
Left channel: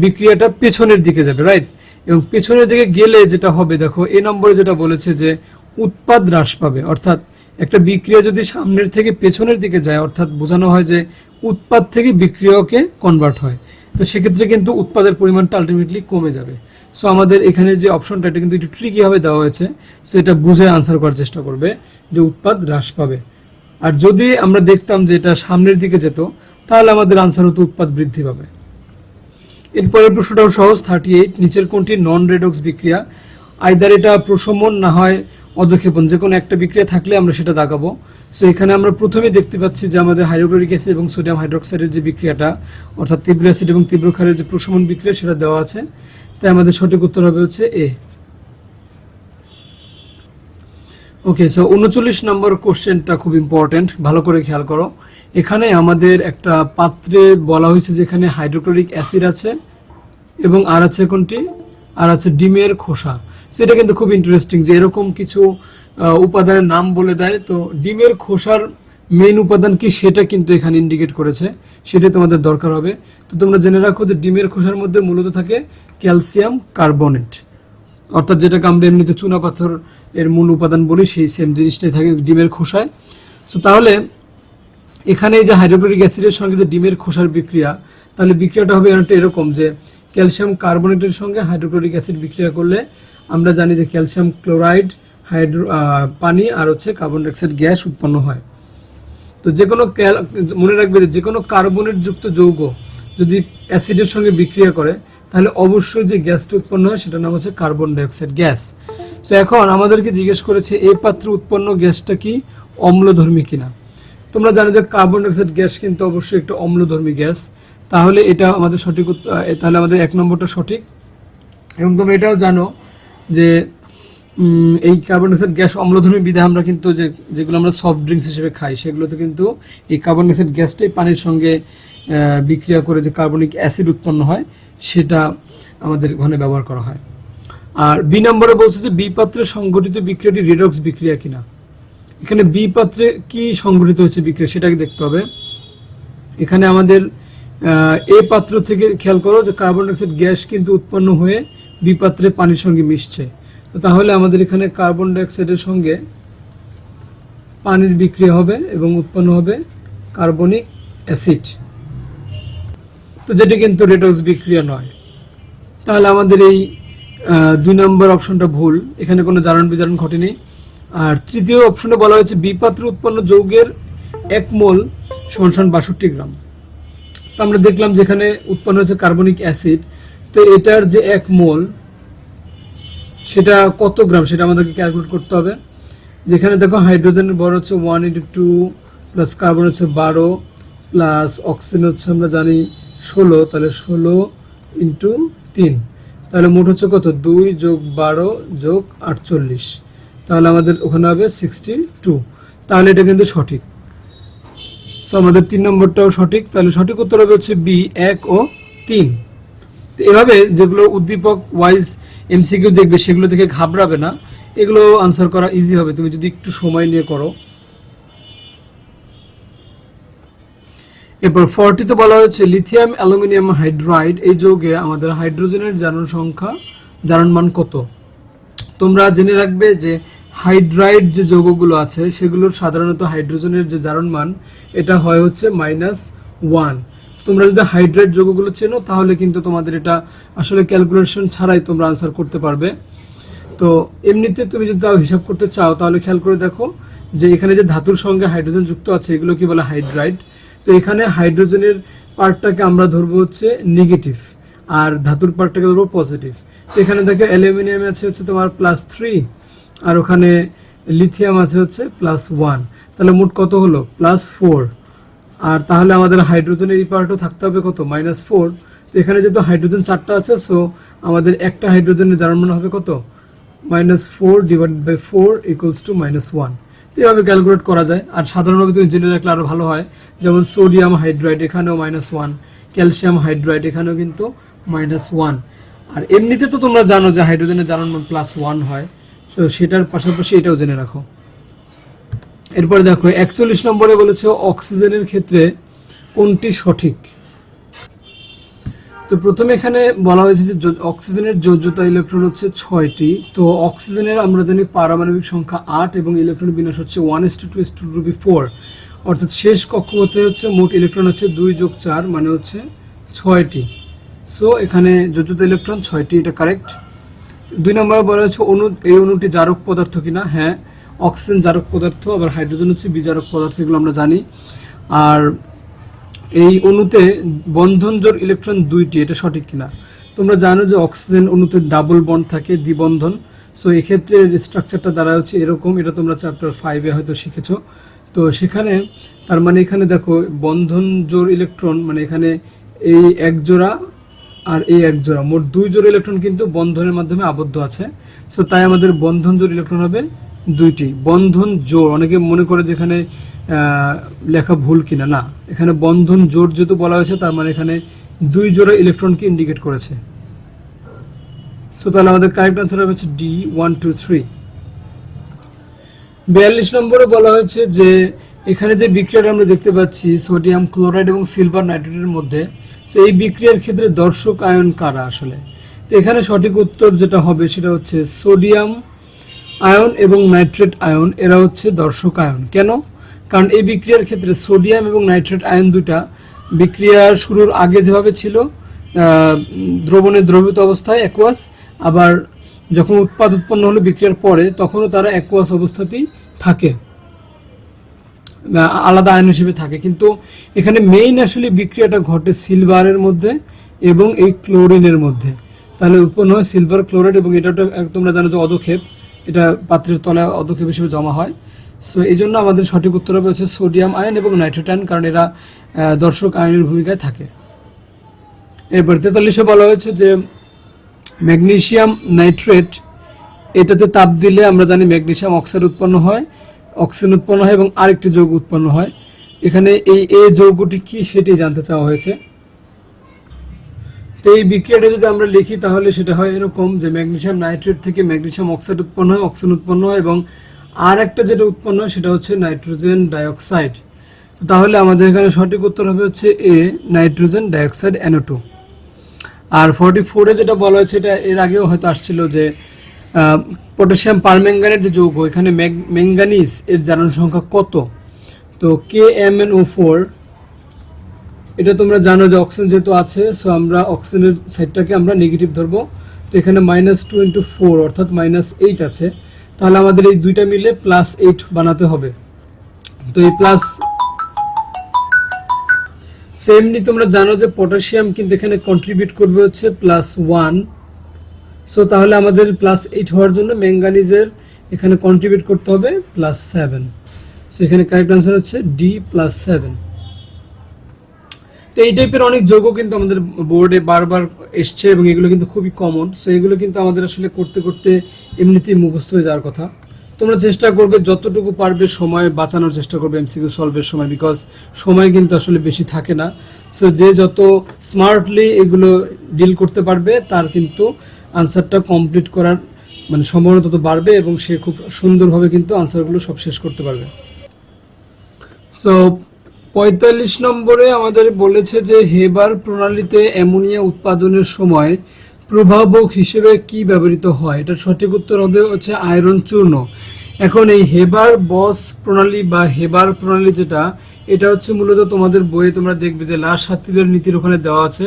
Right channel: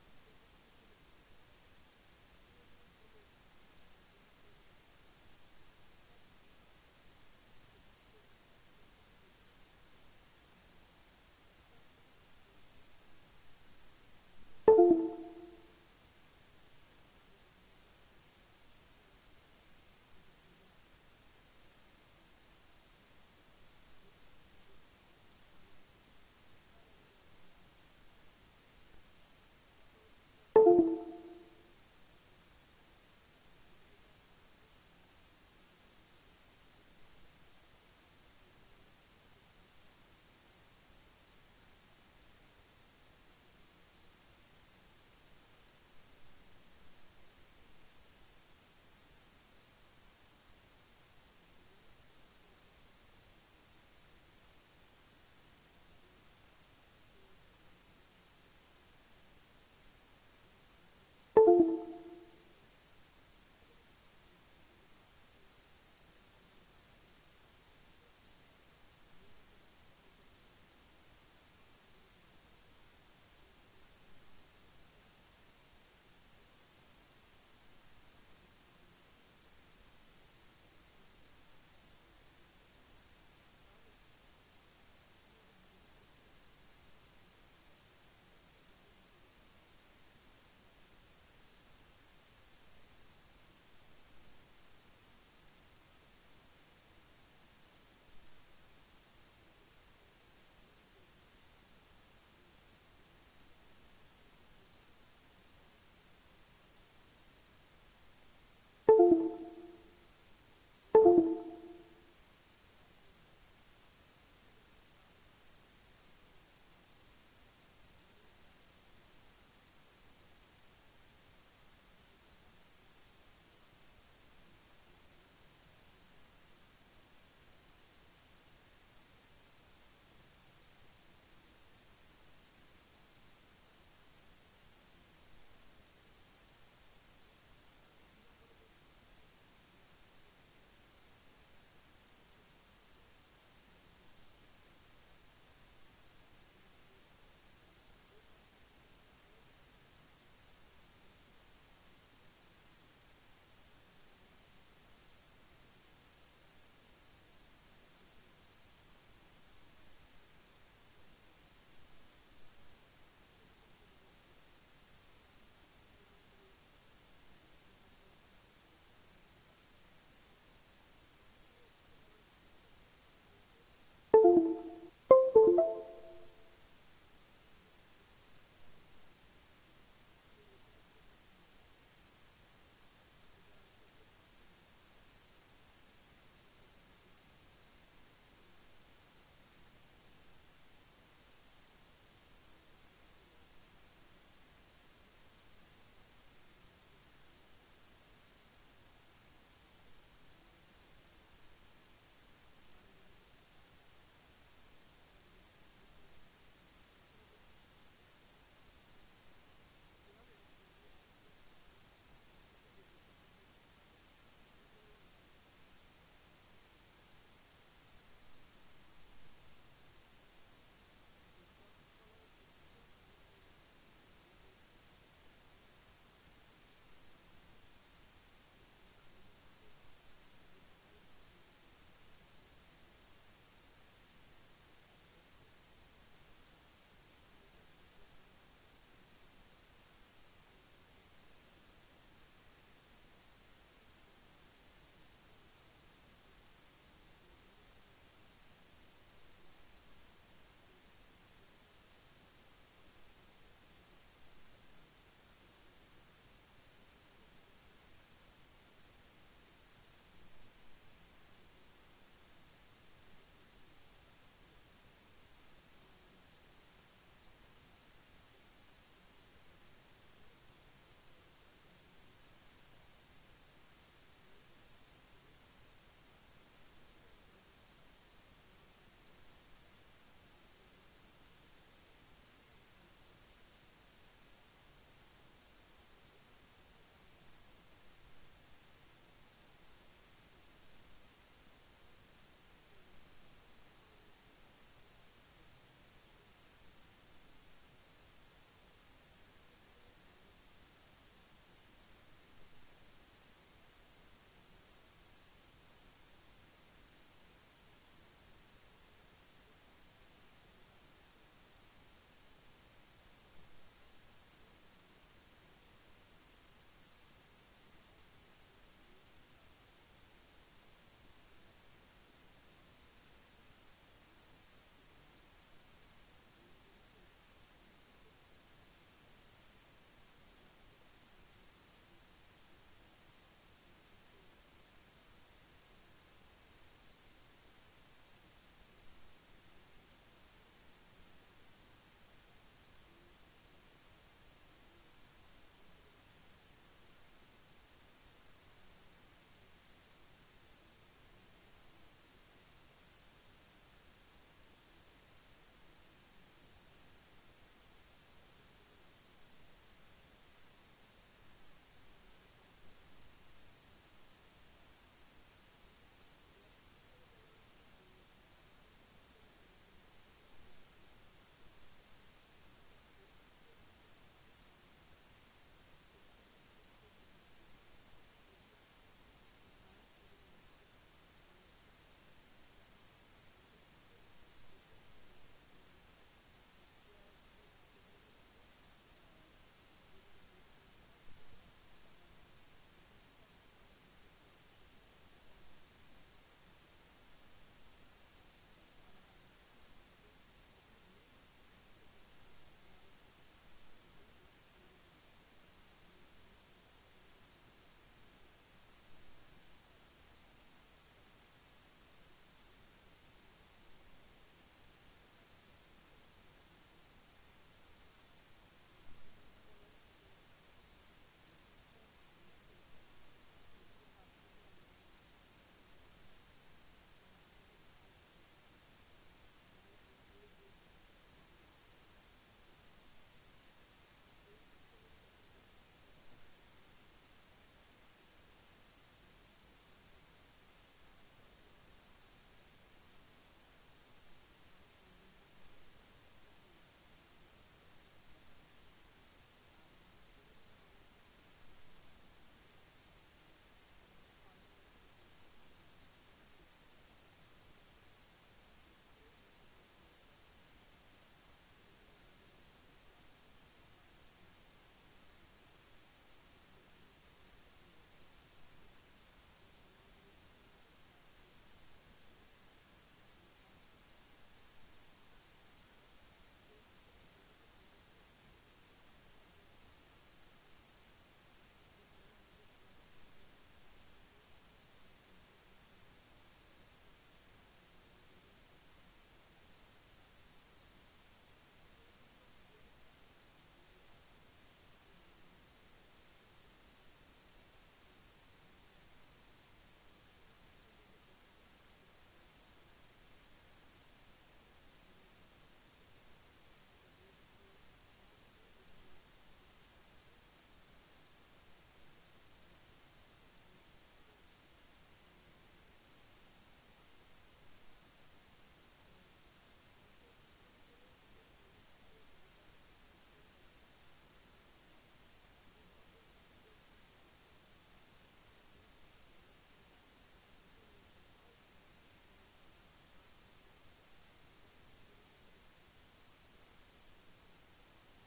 বিক্রিয়াটা পেছনের দিকে যাবে, রাইট। এবং পেছনের দিকে গেলে যেটা হবে, দেখো এই নম্বরে যেটা বলেছে যে উৎপাদ হ্রাস পাবে, অর্থাৎ একটা বিক্রিয়া যদি সামনের থেকে পেছনের দিকে যায়, অর্থাৎ বোঝানো হয় যে উৎপাদ থেকে বিক্রিয়কে কনভার্ট হয়, তো সেক্ষেত্রে কিন্তু উৎপাদের পরিমাণটা আলটিমেটলি কমে যাবে। সো আমাদের এখানে যে অপশনটা, এটা কিন্তু একটু ট্রিকি ভাবে দেওয়া হয়েছে, সো এটা বুঝে আনসার করার চেষ্টা করবে যে উৎপাদ হ্রাস পাবে। আর যদি আমরা দেখতাম যে এটা সামনের দিকে যেত, তাহলে আমাদের আনসার হতো উৎপাদ বৃদ্ধি পাবে। এরপরের প্রশ্নটাও সহজ, 38, নিচের কোনটি নন রেডক্স বিক্রিয়া? আইদার এটা প্রশমন না হয় অধক্ষেপণ, যে কোনো একটা বিক্রিয়া থাকলে আমরা সেটা দাগাবো। সো এখানে আমরা প্রথমে দেখতে পাচ্ছি যে আমাদের হাইড্রোক্লোরিক অ্যাসিড এবং সোডিয়াম হাইড্রোক্সাইডের যে বিক্রিয়াটা, অর্থাৎ তীব্র অ্যাসিড এবং তীব্র ক্ষারের যে প্রশমন বিক্রিয়া, সেটা দেওয়া আছে। তাই আমাদের সঠিক উত্তর হবে হচ্ছে এ। ওকে, সো 39 নম্বর কোশ্চেনটা খুব ইম্পর্টেন্ট, ভালো করে খেয়াল করো। এখানে আমাদের একটা পাত্রে বলা হয়েছে যেখানে হাইড্রোক্লোরিক অ্যাসিড আছে এবং আর আছে কোনটি, আর আছে ডিমের খোসা। সেটা কিন্তু খুব ইন্টারেস্টিং যে এরকম কিছু উপাদানের নাম বলে দেয়। তো ডিমের খোসার মেইন উপাদান কি সেটা কিন্তু এখানে ইন্ডিকেট করেছে, সেটাই তোমাদের দরকার হবে। তো তোমরা জেনে রাখো যে ডিমের খোসার মধ্যে মূলত থাকে ক্যালসিয়াম কার্বনেট, অর্থাৎ যেটাকে আমরা এমনিতে চুনা পাথর এর মূল উপাদান বলি, সেই সেম জিনিসটাই থাকে ডিমের খোসায়। সো তাহলে এখানে এই যে হাইড্রোক্লোরিক অ্যাসিডের সঙ্গে যে ডিমের খোসার বিক্রিয়া, তাহলে বিক্রিয়াটা হবে অনেকটা এরকম যে ক্যালসিয়াম কার্বনেটের সঙ্গে হাইড্রোক্লোরিক অ্যাসিড বিক্রিয়া করলে আমরা জানি যে ক্যালসিয়াম ক্লোরাইড, পানি আর হচ্ছে কার্বন ডাইঅক্সাইড গ্যাস উৎপন্ন হয়। তো যে কোনো মনে রাখবে যে কোনো কার্বনেট যুক্ত যৌগ যদি অ্যাসিডের সঙ্গে বিক্রিয়া করে, তাহলে অবশ্যই যে গ্যাসটা উৎপন্ন হয় সেটার নাম হচ্ছে কার্বন ডাইঅক্সাইড গ্যাস। সো এখন আমাদেরকে জিজ্ঞেস করেছে এই পাত্রে উৎপন্ন গ্যাসটা কি অম্লধর্মী কিনা। তোমরা জানো যে কার্বন ডাইঅক্সাইড গ্যাস কিন্তু অবশ্যই একটা অম্লধর্মী গ্যাস, তাহলে এটা আমাদের সঠিক তাহলে আমাদের 1 নম্বরটা সঠিক। এবং তোমরা এটাও জানো যে এই কার্বন ডাইঅক্সাইড গ্যাস অম্লধর্মী বিধায় আমরা কিন্তু যেগুলো আমরা সফট ড্রিঙ্কস হিসেবে খাই সেগুলোতে কিন্তু এই কার্বন ডাইঅক্সাইড গ্যাসটাই পানির সঙ্গে বিক্রিয়া করে যে কার্বনিক অ্যাসিড উৎপন্ন হয় সেটা আমাদের ঘনে ব্যবহার করা হয়। আর বি নম্বরে বলছে যে বি পাত্রে সংঘটিত বিক্রিয়াটি রেডক্স বিক্রিয়া কিনা। এখানে বি পাত্রে কি সংঘটিত হচ্ছে বিক্রিয়া সেটাকে দেখতে হবে। এখানে আমাদের এ পাত্র থেকে খেয়াল করো যে কার্বন ডাইঅক্সাইড গ্যাস কিন্তু উৎপন্ন হয়ে বি পাত্রে পানির সঙ্গে মিশছে। তো তাহলে আমাদের এখানে কার্বন ডাইঅক্সাইডের সঙ্গে পানির বিক্রিয়া হবে এবং উৎপন্ন হবে কার্বনিক অ্যাসিড, তো যেটি কিন্তু রেডক্স বিক্রিয়া নয়। তাহলে আমাদের এই 2 নম্বর অপশনটা ভুল, এখানে কোনো জারণ বিজারণ ঘটেনি। আর তৃতীয় অপশনে বলা হয়েছে বি পাত্রে উৎপন্ন যৌগের 1 মোল = 62 গ্রাম। তো আমরা দেখলাম যেখানে উৎপন্ন হচ্ছে কার্বনিক অ্যাসিড, তো এটার যে 1 মোল সেটা কত গ্রাম সেটা আমাদেরকে ক্যালকুলেট করতে হবে। যেখানে দেখো হাইড্রোজেনের ভর হচ্ছে 1/2 প্লাস কার্বন হচ্ছে 12 প্লাস অক্সিজেন হচ্ছে আমরা জানি 16, তাহলে 16 × 3, তাহলে মোট হচ্ছে কত 2 + 12 + 48, তাহলে আমাদের ওখানে হবে 62। তাহলে এটা কিন্তু সঠিক। সো আমাদের 3 নম্বরটাও সঠিক, তাহলে সঠিক উত্তর হবে হচ্ছে বি 1 ও 3। তো এভাবে যেগুলো উদ্দীপক ওয়াইজ এমসিকিউ দেখবে সেগুলো দেখে ঘাবড়াবে না, এগুলো আনসার করা ইজি হবে তুমি যদি একটু সময় নিয়ে করো। এরপর 40 তে বলা হয়েছে লিথিয়াম অ্যালুমিনিয়াম হাইড্রাইড এই যৌগে আমাদের হাইড্রোজেনের জারণ মান কত। তোমরা জেনে রাখবে যে হাইড্রাইড যে যৌগগুলো আছে সেগুলোর সাধারণত হাইড্রোজেনের যে জারণ মান এটা হয় হচ্ছে -1। তোমরা যদি হাইড্রাইড যৌগগুলো চেনো তাহলে কিন্তু তোমাদের এটা আসলে ক্যালকুলেশন ছাড়াই তোমরা আনসার করতে পারবে। তো এমনিতে তুমি যদি তাও হিসাব করতে চাও তাহলে খেয়াল করে দেখো যে এখানে যে ধাতুর সঙ্গে হাইড্রোজেন যুক্ত আছে এগুলো কি বলে হাইড্রাইড। তো এখানে হাইড্রোজেনের পার্টটাকে আমরা ধরবো হচ্ছে নেগেটিভ আর ধাতুর পার্টটাকে ধরবো পজিটিভ। তো এখানে দেখো অ্যালুমিনিয়াম আছে হচ্ছে তোমার +3 আর ওখানে লিথিয়াম আছে হচ্ছে +1, তাহলে মোট কত হলো +4। আর তাহলে আমাদের হাইড্রোজেনের এই পার্টও থাকতে হবে কত -4। তো এখানে যেহেতু হাইড্রোজেন 4টা আছে সো আমাদের একটা হাইড্রোজেনের জারণ মান হবে কত -4 / 4 = -1। তো এইভাবে ক্যালকুলেট করা যায়। আর সাধারণভাবে তুমি জেনে রাখলে আরো ভালো হয়, যেমন সোডিয়াম হাইড্রাইড এখানেও -1, ক্যালসিয়াম হাইড্রাইড এখানেও কিন্তু -1। আর এমনিতে তো তোমরা জানো যে হাইড্রোজেনের জারণ মান +1 হয়, তো সেটার পাশাপাশি এটাও জেনে রাখো। এরপরে দেখো 41 নম্বরে বলেছে অক্সিজেনের ক্ষেত্রে কোনটি সঠিক। তো প্রথমে এখানে বলা হয়েছে যে অক্সিজেনের যোজ্যতা ইলেকট্রন হচ্ছে 6টি। তো অক্সিজেনের আমরা জানি পারমাণবিক সংখ্যা 8 এবং ইলেকট্রন বিন্যাস হচ্ছে 1:2:4, অর্থাৎ শেষ কক্ষপথে হচ্ছে মোট ইলেকট্রন হচ্ছে 2 + 4 মানে হচ্ছে 6টি। সো এখানে যোজ্যতা ইলেকট্রন 6টি, এটা কারেক্ট। 2 নম্বরে বলা হয়েছে এই অণুটি জারক পদার্থ কিনা। হ্যাঁ, অক্সিজেন জারক পদার্থ, আবার হাইড্রোজেন হচ্ছে বিজারক পদার্থ, এগুলো আমরা জানি। আর এই অণুতে বন্ধন জোড় ইলেকট্রন 2টি, এটা সঠিক কিনা। তোমরা জানো যে অক্সিজেন অণুতে ডাবল বন্ড থাকে, দ্বিবন্ধন। সো এক্ষেত্রে স্ট্রাকচারটা দ্বারা হচ্ছে এরকম, এটা তোমরা চ্যাপ্টার 5-এ হয়তো শিখেছো। তো সেখানে তার মানে এখানে দেখো বন্ধন জোড় ইলেকট্রন মানে এখানে এই 1 জোড়া আর এই 1 জোড়া, মোট 2 জোড়া ইলেকট্রন কিন্তু বন্ধনের মাধ্যমে আবদ্ধ আছে। সো তাই আমাদের বন্ধন জোড় ইলেকট্রন হবে 2টি। বন্ধন জোড় অনেকে মনে করে যেখানে লেখা ভুল কিনা, না, এখানে বন্ধন জোড় যেহেতু বলা হয়েছে তার মানে এখানে 2 জোড়া ইলেকট্রনকে ইন্ডিকেট করেছে। সো তাহলে আমাদের কারেক্ট আনসার হবে হচ্ছে ডি 1 2 3। 42 নম্বরে বলা হয়েছে যে এখানে যে বিক্রিয়াটা আমরা দেখতে পাচ্ছি সোডিয়াম ক্লোরাইড এবং সিলভার নাইট্রেটের মধ্যে, সো এই বিক্রিয়ার ক্ষেত্রে দর্শক আয়ন কারা আসলে। তো এখানে সঠিক উত্তর যেটা হবে সেটা হচ্ছে সোডিয়াম আয়ন এবং নাইট্রেট আয়ন, এরা হচ্ছে দর্শক আয়ন। কেন? কারণ এই বিক্রিয়ার ক্ষেত্রে সোডিয়াম এবং নাইট্রেট আয়ন দুটা বিক্রিয়ার শুরুর আগে যেভাবে ছিল দ্রবণে দ্রবীভূত অবস্থায় অ্যাকুয়াস, আবার যখন উৎপন্ন হলো বিক্রিয়ার পরে তখনও তারা অ্যাকুয়াস অবস্থাতেই থাকে, আলাদা আয়ন হিসেবে থাকে। কিন্তু এখানে মেইন আসলে বিক্রিয়াটা ঘটে সিলভারের মধ্যে এবং এই ক্লোরিনের মধ্যে। তাহলে উৎপন্ন হয় সিলভার ক্লোরাইড এবং এটা তোমরা জানো যে অধক্ষেপ, এটা পাত্রের তলায় অধক্ষেপ হিসেবে জমা হয়। সো এই জন্য আমাদের সঠিক উত্তর হবে হচ্ছে সোডিয়াম আয়ন এবং নাইট্রেট আয়ন, কারণ এরা দর্শক আয়নের ভূমিকায় থাকে। এরপর 43-এ বলা হয়েছে যে ম্যাগনেসিয়াম নাইট্রেট এটাতে তাপ দিলে আমরা জানি ম্যাগনেসিয়াম অক্সাইড উৎপন্ন হয়, অক্সিজেন উৎপন্ন হয় এবং আরেকটি যৌগ উৎপন্ন হয়। এখানে এই এ যৌগটি কি সেটি জানতে চাওয়া হয়েছে। তো এই বিক্রিয়াটা যদি আমরা লিখি তাহলে সেটা হয় এরকম যে ম্যাগনেসিয়াম নাইট্রেট থেকে ম্যাগনেসিয়াম অক্সাইড উৎপন্ন হয়, অক্সিজেন উৎপন্ন হয় এবং আর একটা যেটা উৎপন্ন হয় সেটা হচ্ছে নাইট্রোজেন ডাইঅক্সাইড। তাহলে আমাদের এখানে সঠিক উত্তর হবে হচ্ছে এ, নাইট্রোজেন ডাইঅক্সাইড NO2। আর 44-এ যেটা বলা হয়েছে এটা এর আগেও হয়তো আসছিল যে পটাশিয়াম পারম্যাঙ্গানেট যে যৌগ, এখানে ম্যাঙ্গানিজ এর জারণ সংখ্যা কত। তো KMnO4, এটা তোমরা জানো যে অক্সিজেন যেহেতু আছে, সো আমরা অক্সিজেনের সাইডটাকে আমরা নেগেটিভ ধরবো। তো এখানে -2 × 4 অর্থাৎ -8 আছে, তাহলে আমাদের এই দুইটা মিলে +8 বানাতে হবে। তো এই প্লাস সেমনি তোমরা জানো যে পটাশিয়াম কিন্তু এখানে কন্ট্রিবিউট করবে হচ্ছে +1, সো তাহলে আমাদের +8 হওয়ার জন্য ম্যাঙ্গানিজের এখানে কন্ট্রিবিউট করতে হবে +7। সো এখানে কারেক্ট আনসার হচ্ছে ডি, +7। তো এই টাইপের অনেক যৌগ কিন্তু আমাদের বোর্ডে বারবার এসছে এবং এগুলো কিন্তু খুবই কমন। সো এগুলো কিন্তু আমাদের আসলে করতে করতে এমনিতেই মুখস্থ হয়ে যাওয়ার কথা। তোমরা চেষ্টা করবে যতটুকু পারবে সময় বাঁচানোর চেষ্টা করবে এমসিকিউ সলভের সময়, বিকজ সময় কিন্তু আসলে বেশি থাকে না। সো যে যত স্মার্টলি এগুলো ডিল করতে পারবে তার কিন্তু আনসারটা কমপ্লিট করার মানে সম্ভাবনা তত বাড়বে এবং সে খুব সুন্দরভাবে কিন্তু আনসারগুলো সব শেষ করতে পারবে। সো 45 নম্বরে আমাদের বলেছে যে হেবার প্রণালীতে অ্যামোনিয়া উৎপাদনের সময় প্রভাবক হিসেবে কি ব্যবহৃত হয়। এটার সঠিক উত্তর হবে হচ্ছে আয়রন চূর্ণ। এখন এই হেবার বস প্রণালী বা হেবার প্রণালী যেটা, এটা হচ্ছে মূলত তোমাদের বইয়ে তোমরা দেখবে যে লাসাত্তিরের নীতির ওখানে দেওয়া আছে।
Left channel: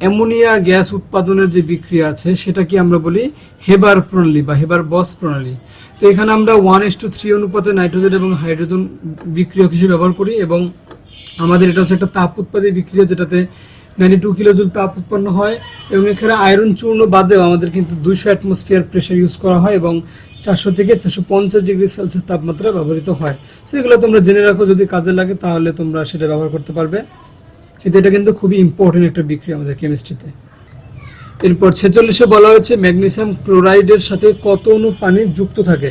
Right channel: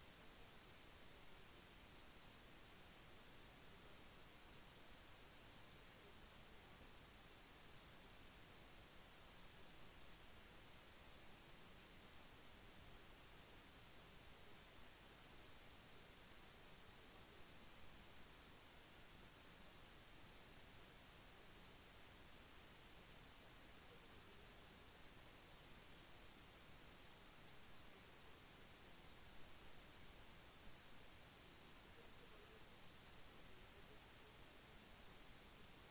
অ্যামোনিয়া গ্যাস উৎপাদনের যে বিক্রিয়া আছে সেটা কি আমরা বলি হেবার প্রণালী বা হেবার বস প্রণালী। তো এখানে আমরা 1:3 অনুপাতে নাইট্রোজেন এবং হাইড্রোজেন বিক্রিয়ক হিসেবে ব্যবহার করি এবং আমাদের এটা হচ্ছে একটা তাপ উৎপাদী বিক্রিয়া যেটাতে 92 কিলোজুল তাপ উৎপন্ন হয় এবং এখানে আয়রন চূর্ণ বাদেও আমাদের কিন্তু 200 অ্যাটমসফিয়ার প্রেসার ইউজ করা হয় এবং 400 থেকে 450 ডিগ্রি সেলসিয়াস তাপমাত্রা ব্যবহৃত হয়। সো এগুলো তোমরা জেনে রাখো, যদি কাজে লাগে তাহলে তোমরা সেটা ব্যবহার করতে পারবে। কিন্তু এটা কিন্তু খুবই ইম্পর্টেন্ট একটা বিক্রিয়া আমাদের কেমিস্ট্রিতে। এরপর 46-এ বলা হয়েছে ম্যাগনেসিয়াম ক্লোরাইডের সাথে কত অণু পানি যুক্ত থাকে।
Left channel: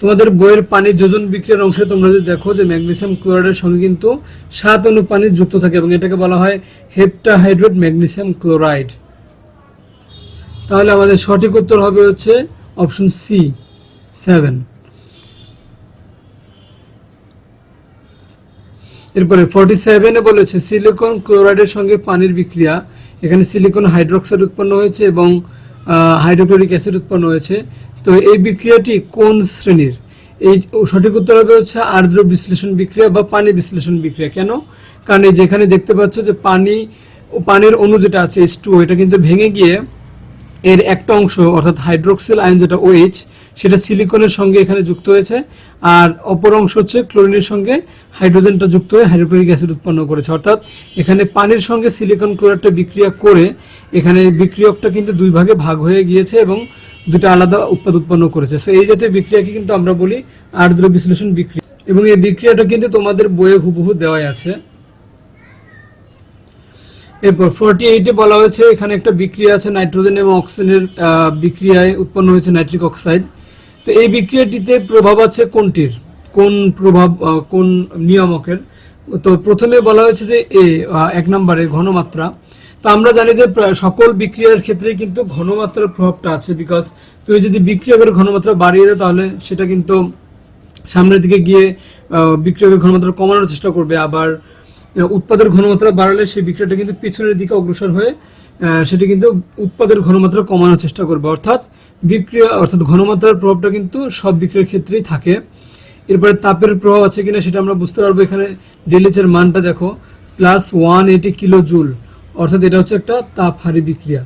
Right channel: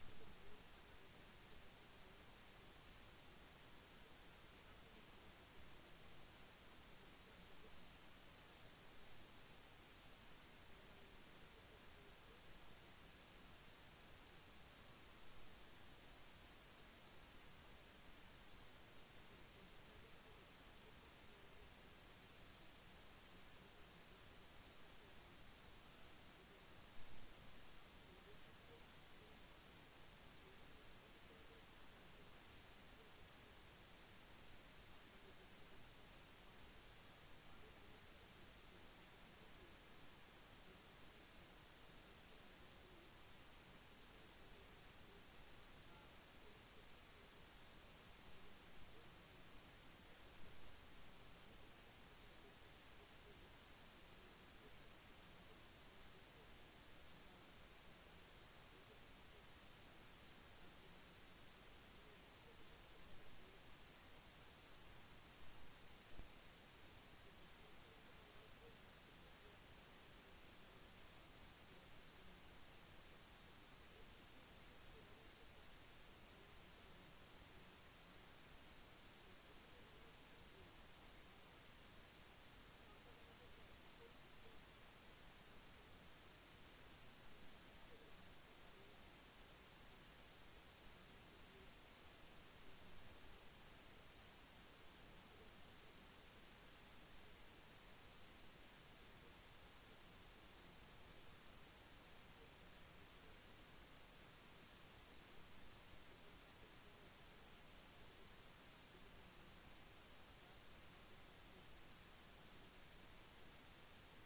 তোমাদের বইয়ের পানি যোজন বিক্রিয়ার অংশে তোমরা যদি দেখো যে ম্যাগনেসিয়াম ক্লোরাইডের সঙ্গে কিন্তু 7 অণু পানি যুক্ত থাকে এবং এটাকে বলা হয় হেপ্টাহাইড্রেট ম্যাগনেসিয়াম ক্লোরাইড। তাহলে আমাদের সঠিক উত্তর হবে হচ্ছে অপশন সি, 7। এরপরে 47-এ বলেছে সিলিকন ক্লোরাইডের সঙ্গে পানির বিক্রিয়া। এখানে সিলিকন হাইড্রোক্সাইড উৎপন্ন হয়েছে এবং হাইড্রোক্লোরিক অ্যাসিড উৎপন্ন হয়েছে। তো এই বিক্রিয়াটি কোন শ্রেণীর? এই সঠিক উত্তর হবে হচ্ছে আর্দ্র বিশ্লেষণ বিক্রিয়া বা পানি বিশ্লেষণ বিক্রিয়া। কেন? কারণ এই যেখানে দেখতে পাচ্ছ যে পানির অণু যেটা আছে H2O, এটা কিন্তু ভেঙে গিয়ে এর একটা অংশ অর্থাৎ হাইড্রোক্সিল আয়ন যেটা OH সেটা সিলিকনের সঙ্গে এখানে যুক্ত হয়েছে, আর অপর অংশ হচ্ছে ক্লোরিনের সঙ্গে হাইড্রোজেনটা যুক্ত হয়ে হাইড্রোক্লোরিক অ্যাসিড উৎপন্ন করেছে। অর্থাৎ এখানে পানির সঙ্গে সিলিকন ক্লোরাইডটা বিক্রিয়া করে এখানে বিক্রিয়কটা কিন্তু দুই ভাগে ভাগ হয়ে গিয়েছে এবং দুটো আলাদা উৎপাদ উৎপন্ন করেছে। সো এই জাতীয় বিক্রিয়াকে কিন্তু আমরা বলি আর্দ্র বিশ্লেষণ বিক্রিয়া এবং এই বিক্রিয়াটা কিন্তু তোমাদের বইয়ে হুবহু দেওয়াই আছে। এরপর 48-এ বলা হয়েছে এখানে একটা বিক্রিয়া আছে নাইট্রোজেন এবং অক্সিজেনের বিক্রিয়ায় উৎপন্ন হয়েছে নাইট্রিক অক্সাইড। তো এই বিক্রিয়াটিতে প্রভাব আছে কোনটির, কোন প্রভাব কোন নিয়ামকের? তো প্রথমে বলা হয়েছে যে এক নম্বরে ঘনমাত্রা। তো আমরা জানি যে সকল বিক্রিয়ার ক্ষেত্রে কিন্তু ঘনমাত্রার প্রভাবটা আছে, বিকজ তুমি যদি বিক্রিয়কের ঘনমাত্রা বাড়িয়ে দাও তাহলে সেটা কিন্তু সামনের দিকে গিয়ে বিক্রিয়কের ঘনমাত্রা কমানোর চেষ্টা করবে, আবার উৎপাদের ঘনমাত্রা বাড়ালে সেই বিক্রিয়াটা কিন্তু পিছনের দিকে অগ্রসর হয়ে সেটি কিন্তু উৎপাদের ঘনমাত্রা কমানোর চেষ্টা করবে। অর্থাৎ ঘনমাত্রার প্রভাবটা কিন্তু সব বিক্রিয়ার ক্ষেত্রেই থাকে। এরপরে তাপের প্রভাব আছে কিনা সেটা আমরা বুঝতে পারবো। এখানে ডেলএইচ এর মানটা দেখো +180 কিলো জুল, অর্থাৎ এটা হচ্ছে একটা তাপহারী বিক্রিয়া।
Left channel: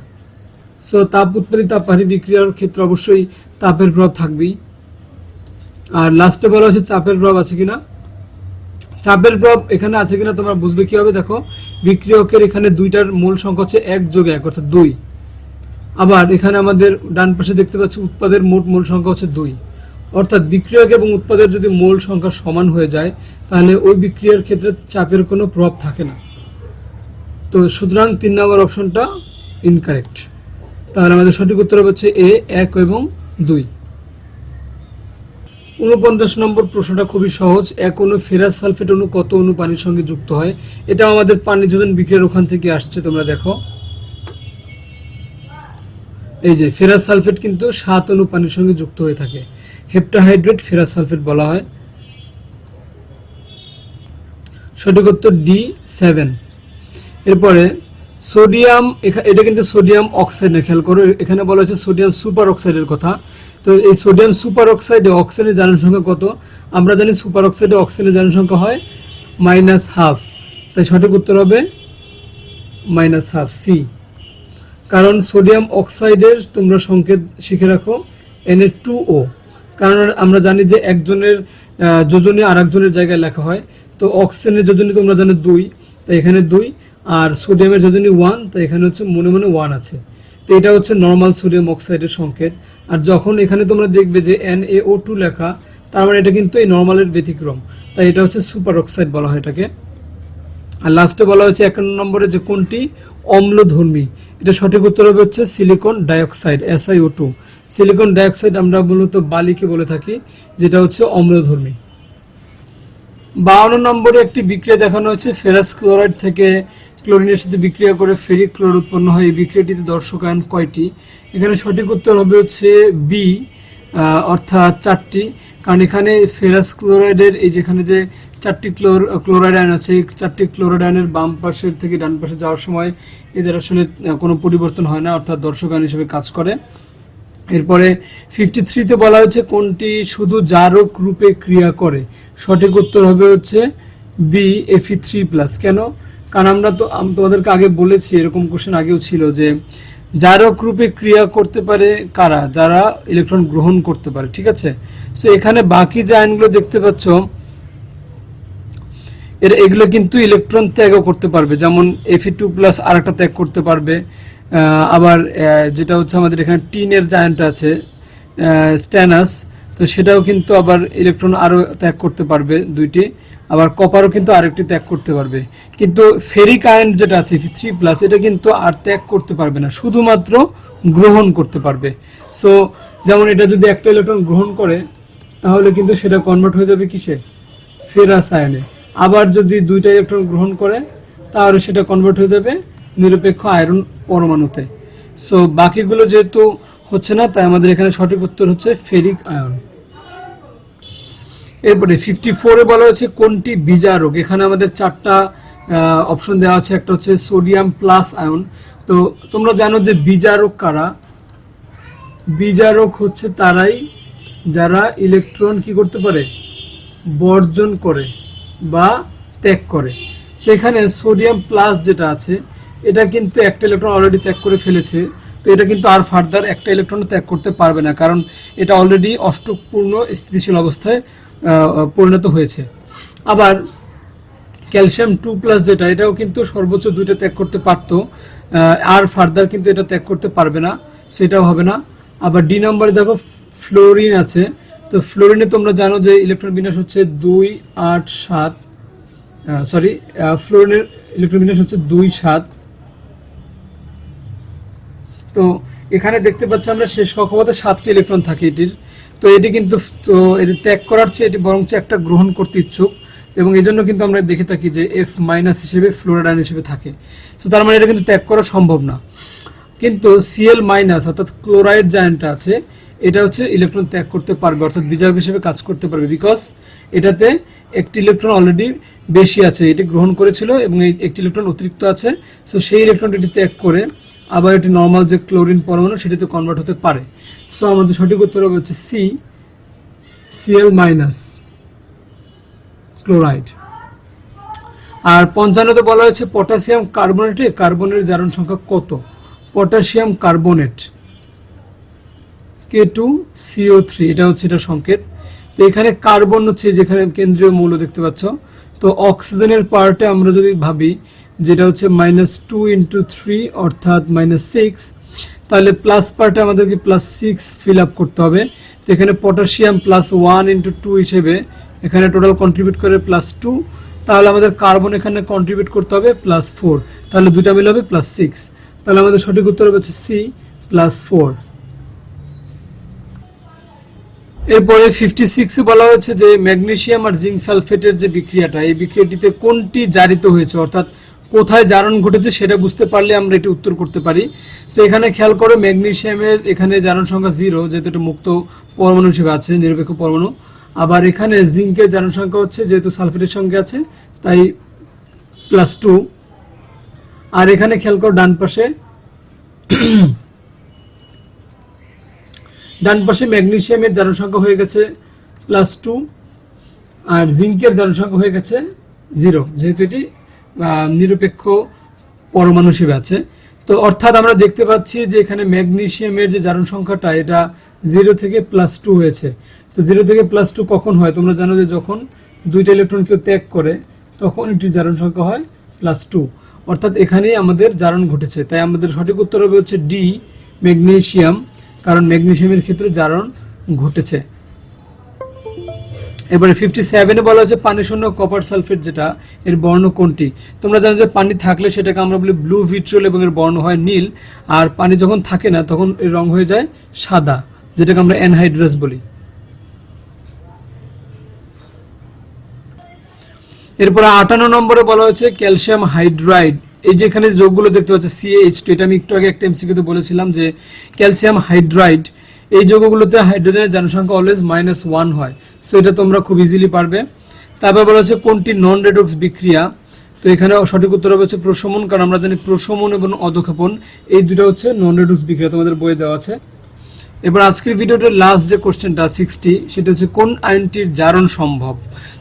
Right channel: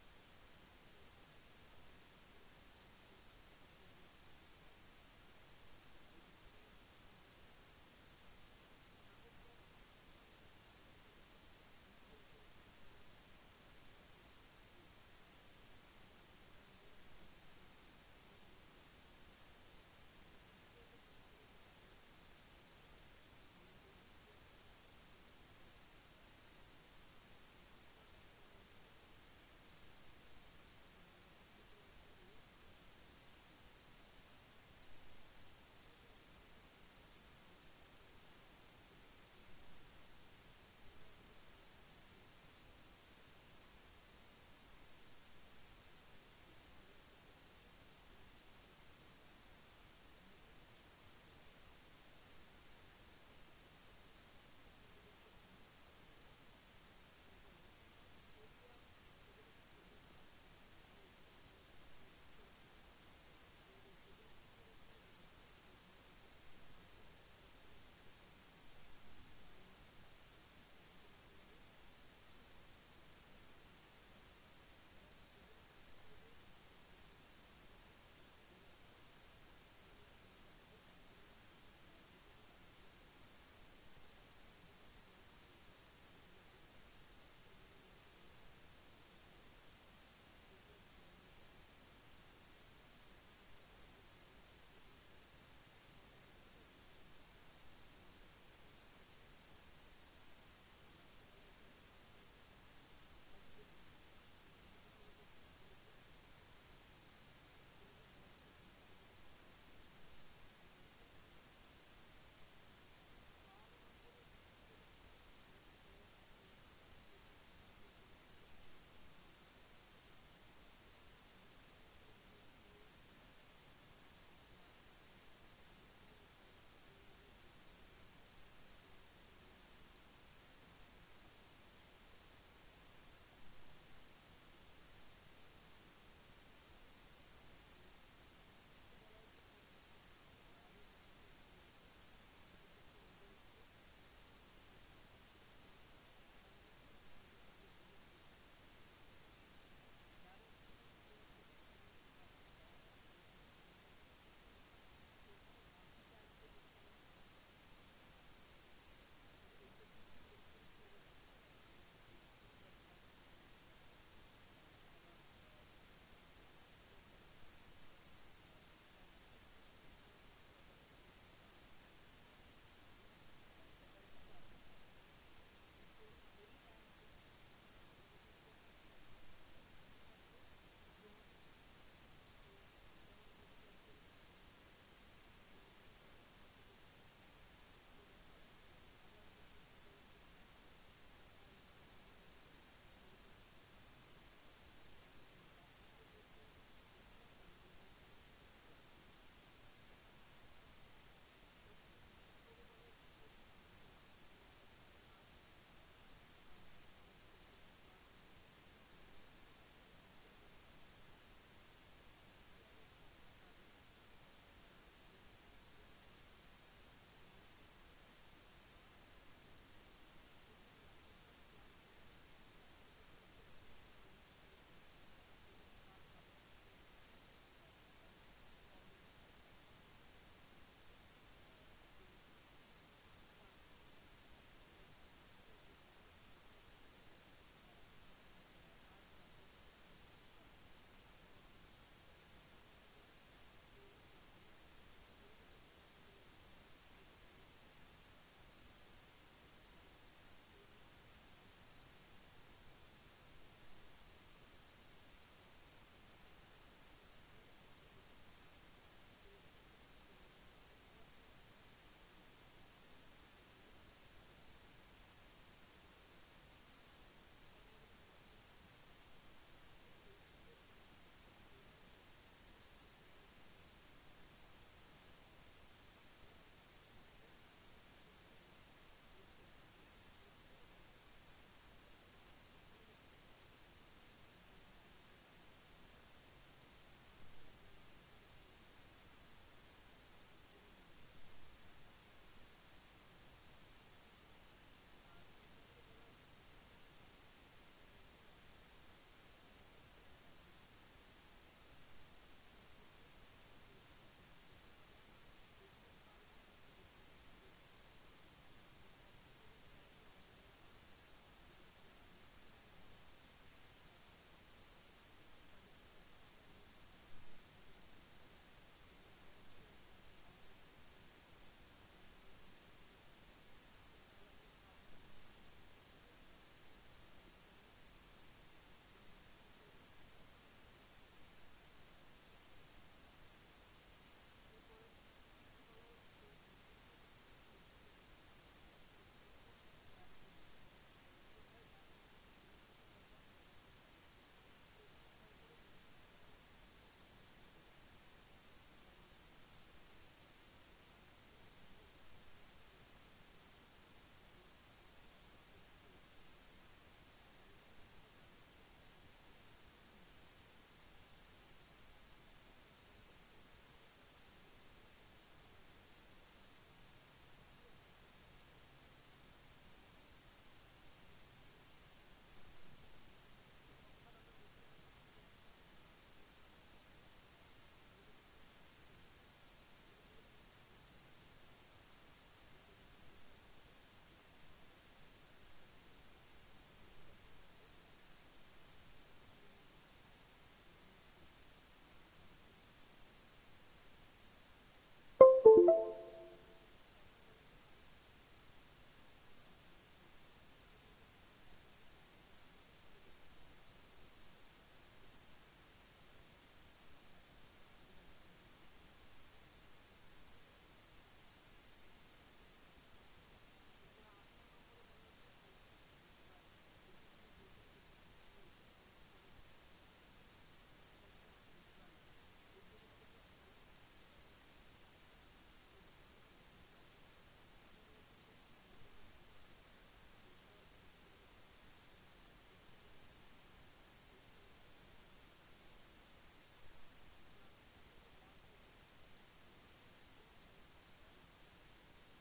সো তাপ উৎপাদিত তাপহারী বিক্রিয়ার ক্ষেত্রে অবশ্যই তাপের প্রভাব থাকবেই। আর লাস্টে বলা হচ্ছে চাপের প্রভাব আছে কিনা। চাপের প্রভাব এখানে আছে কিনা তোমরা বুঝবে কিভাবে, দেখো বিক্রিয়কের এখানে দুইটার মূল সংখ্যা হচ্ছে 1+1 অর্থাৎ 2। আবার এখানে আমাদের ডান পাশে দেখতে পাচ্ছি উৎপাদের মোট মূল সংখ্যা হচ্ছে 2, অর্থাৎ বিক্রিয়ক এবং উৎপাদের যদি মোল সংখ্যা সমান হয়ে যায় তাহলে ওই বিক্রিয়ার ক্ষেত্রে চাপের কোনো প্রভাব থাকে না। তো সুতরাং 3 নম্বর অপশনটা ইনকারেক্ট। তাহলে আমাদের সঠিক উত্তর হবে হচ্ছে এ 1 এবং 2। 49 নম্বর প্রশ্নটা খুবই সহজ। এক অণু ফেরাস সালফেট অণু কত অণু পানির সঙ্গে যুক্ত হয়? এটা আমাদের পানি যোজন বিক্রিয়ার ওখান থেকে আসছে, তোমরা দেখো এই যে ফেরাস সালফেট কিন্তু 7 অণু পানির সঙ্গে যুক্ত হয়ে থাকে। হেপ্টাহাইড্রেট ফেরাস সালফেট বলা হয়। সঠিক উত্তর ডি 7। এরপরে সোডিয়াম, এটা কিন্তু সোডিয়াম অক্সাইড না, খেয়াল করো এখানে বলা হয়েছে সোডিয়াম সুপার অক্সাইডের কথা। তো এই সোডিয়াম সুপার অক্সাইডে অক্সিজেনের জারণ সংখ্যা কত? আমরা জানি সুপার অক্সাইডে অক্সিজেনের জারণ সংখ্যা হয় -12, তাই সঠিক উত্তর হবে -12 সি। কারণ সোডিয়াম অক্সাইডের তোমরা সংকেত শিখে রাখো Na2O, কারণ আমরা জানি যে একজনের যোজনী আর একজনের জায়গায় লেখা হয়। তো অক্সিজেনের যোজনী তোমরা জানো 2, তাই এখানে 2, আর সোডিয়ামের যোজনী 1, তাই এখানে হচ্ছে মনে মনে 1 আছে। তো এটা হচ্ছে নর্মাল সোডিয়াম অক্সাইডের সংকেত। আর যখন এখানে তোমরা দেখবে যে NaO2 লেখা, তার মানে এটা কিন্তু এই নর্মালের ব্যতিক্রম, তাই এটা হচ্ছে সুপার অক্সাইড বলা হয় এটাকে। আর লাস্টে বলা হয়েছে 1 নম্বরে যে কোনটি অম্লধর্মী, এটা সঠিক উত্তর হবে হচ্ছে silicon dioxide SiO2। Silicon dioxide আমরা মূলত বালিকে বলে থাকি, যেটা হচ্ছে অম্লধর্মী। 52 নম্বরে একটি বিক্রিয়া দেখানো হয়েছে ফেরাস ক্লোরাইড থেকে ক্লোরিনের সাথে বিক্রিয়া করে ফেরিক ক্লোরাইড উৎপন্ন হয়। এই বিক্রিয়াটিতে দর্শকায়ন কয়টি? এখানে সঠিক উত্তর হবে হচ্ছে বি, অর্থাৎ 4টি। কারণ এখানে ফেরাস ক্লোরাইডের এই যেখানে যে 4টি ক্লোরাইড আয়ন আছে, এই 4টি ক্লোরাইড আয়নের বাম পাশের থেকে ডান পাশে যাওয়ার সময় এদের আসলে কোনো পরিবর্তন হয় না, অর্থাৎ দর্শকায়ন হিসেবে কাজ করে। এরপরে 53তে বলা হয়েছে কোনটি শুধু জারক রূপে ক্রিয়া করে? সঠিক উত্তর হবে হচ্ছে বি Fe3+। কেন? কারণ আমরা তো তোমাদেরকে আগে বলেছি, এরকম কোশ্চেন আগেও ছিল যে জারক রূপে ক্রিয়া করতে পারে কারা? যারা ইলেকট্রন গ্রহণ করতে পারে, ঠিক আছে। সো এখানে বাকি যে আয়নগুলো দেখতে পাচ্ছ এগুলো কিন্তু ইলেকট্রন ত্যাগও করতে পারবে, যেমন Fe2+ আর একটা ত্যাগ করতে পারবে। আবার যেটা হচ্ছে আমাদের এখানে টিনের যে আয়নটা আছে স্ট্যানাস, তো সেটাও কিন্তু আবার ইলেকট্রন আরও ত্যাগ করতে পারবে 2টি। আবার কপারও কিন্তু আরেকটি ত্যাগ করতে পারবে। কিন্তু ফেরিক আয়ন যেটা আছে Fe3+, এটা কিন্তু আর ত্যাগ করতে পারবে না, শুধুমাত্র গ্রহণ করতে পারবে। সো যেমন এটা যদি একটা ইলেকট্রন গ্রহণ করে, তাহলে কিন্তু সেটা কনভার্ট হয়ে যাবে কিসে? ফেরাস আয়নে। আবার যদি 2টা ইলেকট্রন গ্রহণ করে, তাহলে সেটা কনভার্ট হয়ে যাবে নিরপেক্ষ আয়রন পরমাণুতে। সো বাকিগুলো যেহেতু হচ্ছে না, তাই আমাদের এখানে সঠিক উত্তর হচ্ছে ফেরিক আয়ন। এরপরে 54-এ বলা হয়েছে কোনটি বিজারক? এখানে আমাদের 4টা অপশন দেওয়া আছে। একটা হচ্ছে সোডিয়াম প্লাস আয়ন। তো তোমরা জানো যে বিজারক কারা? বিজারক হচ্ছে তারাই যারা ইলেকট্রন কি করতে পারে? বর্জন করে বা ত্যাগ করে। সেখানে সোডিয়াম প্লাস যেটা আছে, এটা কিন্তু একটা ইলেকট্রন অলরেডি ত্যাগ করে ফেলেছে, তো এটা কিন্তু আর ফার্দার একটা ইলেকট্রন ত্যাগ করতে পারবে না, কারণ এটা অলরেডি অষ্টকপূর্ণ স্থিতিশীল অবস্থায় পরিণত হয়েছে। আবার ক্যালসিয়াম 2+ যেটা, এটাও কিন্তু সর্বোচ্চ 2টা ত্যাগ করতে পারতো, আর ফার্দার কিন্তু এটা ত্যাগ করতে পারবে না, সেটাও হবে না। আবার ডি নম্বরে দেখো ফ্লোরিন আছে। তো ফ্লোরিনে তোমরা জানো যে ইলেকট্রন বিন্যাস হচ্ছে 2, 8, 7, ফ্লোরিনের ইলেকট্রন বিন্যাস হচ্ছে 2, 7। তো এখানে দেখতে পাচ্ছি আমরা শেষ কক্ষপথে 7টি ইলেকট্রন থাকে এটির। তো এটি কিন্তু তো এটি ত্যাগ করার চেয়ে এটি বরঞ্চ একটা গ্রহণ করতে ইচ্ছুক, এবং এই জন্য কিন্তু আমরা দেখে থাকি যে F- হিসেবে ফ্লোরাইড আয়ন হিসেবে থাকে। তো তার মানে এটা কিন্তু ত্যাগ করা সম্ভব না। কিন্তু Cl- অর্থাৎ ক্লোরাইড যে আয়নটা আছে, এটা হচ্ছে ইলেকট্রন ত্যাগ করতে পারবে, অর্থাৎ বিজারক হিসেবে কাজ করতে পারবে, বিকজ এটাতে একটি ইলেকট্রন অলরেডি বেশি আছে, এটি গ্রহণ করেছিল এবং একটি ইলেকট্রন অতিরিক্ত আছে। সো সেই ইলেকট্রনটি এটি ত্যাগ করে আবার এটি নর্মাল যে ক্লোরিন পরমাণু সেটিতে কনভার্ট হতে পারে। সো আমাদের সঠিক উত্তর হবে হচ্ছে সি, Cl- ক্লোরাইড। আর 55-তে বলা হয়েছে পটাশিয়াম কার্বনেটে কার্বনের জারণ সংখ্যা কত? পটাশিয়াম কার্বনেট K2CO3, এটা হচ্ছে এটা সংকেত। তো এখানে কার্বন হচ্ছে যেখানে কেন্দ্রীয় মৌল দেখতে পাচ্ছ। তো অক্সিজেনের পার্টে আমরা যদি ভাবি যেটা হচ্ছে -2 × 3 অর্থাৎ -6, তাহলে প্লাস পার্টে আমাদেরকে +6 ফিল আপ করতে হবে। তো এখানে পটাশিয়াম +1 × 2 হিসেবে এখানে টোটাল কন্ট্রিবিউট করে +2, তাহলে আমাদের কার্বন এখানে কন্ট্রিবিউট করতে হবে +4, তাহলে দুটা মিলে হবে +6। তাহলে আমাদের সঠিক উত্তর হবে হচ্ছে সি, +4। এরপরে 56 বলা হয়েছে যে ম্যাগনেসিয়াম আর জিঙ্ক সালফেটের যে বিক্রিয়াটা, এই বিক্রিয়াটিতে কোনটি জারিত হয়েছে, অর্থাৎ কোথায় জারণ ঘটেছে সেটা বুঝতে পারলে আমরা এটি উত্তর করতে পারি। সো এখানে খেয়াল করো ম্যাগনেসিয়ামের এখানে জারণ সংখ্যা 0, যেহেতু এটা মুক্ত পরমাণু হিসেবে আছে, নিরপেক্ষ পরমাণু। আবার এখানে জিঙ্কের জারণ সংখ্যা হচ্ছে, যেহেতু সালফেটের সঙ্গে আছে তাই +2। আর এখানে খেয়াল করো ডান পাশে ম্যাগনেসিয়ামের জারণ সংখ্যা হয়ে গেছে +2 আর জিঙ্কের জারণ সংখ্যা হয়ে গেছে 0, যেহেতু এটি নিরপেক্ষ পরমাণু হিসেবে আছে। তো অর্থাৎ আমরা দেখতে পাচ্ছি যে এখানে ম্যাগনেসিয়ামের যে জারণ সংখ্যাটা এটা 0 থেকে +2 হয়েছে। তো 0 থেকে +2 কখন হয়? তোমরা জানো যে যখন দুইটা ইলেকট্রন কেউ ত্যাগ করে তখন এটির জারণ সংখ্যা হয় +2, অর্থাৎ এখানেই আমাদের জারণ ঘটেছে। তাই আমাদের সঠিক উত্তর হবে হচ্ছে ডি, ম্যাগনেসিয়াম, কারণ ম্যাগনেসিয়ামের ক্ষেত্রে জারণ ঘটেছে। এবারে 57-এ বলা হচ্ছে পানি শূন্য কপার সালফেট যেটা, এর বর্ণ কোনটি? তোমরা জানো যে পানি থাকলে সেটাকে আমরা বলি ব্লু ভিট্রিয়ল এবং এর বর্ণ হয় নীল, আর পানি যখন থাকে না তখন এর রং হয়ে যায় সাদা, যেটাকে আমরা অ্যানহাইড্রাস বলি। এরপরে 58 নম্বরে বলা হয়েছে ক্যালসিয়াম হাইড্রাইড। এই যে এখানে যোগগুলো দেখতে পাচ্ছি CH2, এটা আমি একটু আগে একটা এমসিকিউতে বলেছিলাম যে ক্যালসিয়াম হাইড্রাইড এই যৌগগুলোতে হাইড্রোজেনের জনসংখ্যা অলওয়েজ -1 হয়। সো এটা তোমরা খুব ইজিলি পারবে। তারপর বলা হচ্ছে কোনটি নন রেডক্স বিক্রিয়া? তো এখানে সঠিক উত্তর হবে হচ্ছে প্রশমন, কারণ আমরা জানি প্রশমন এবং অধঃক্ষেপণ এই দুটো হচ্ছে নন রেডক্স বিক্রিয়া, তোমাদের বইয়ে দেওয়া আছে। এবার আজকের ভিডিওটার লাস্ট যে কোশ্চেনটা 60, সেটা হচ্ছে কোন আয়নটির জারণ সম্ভব?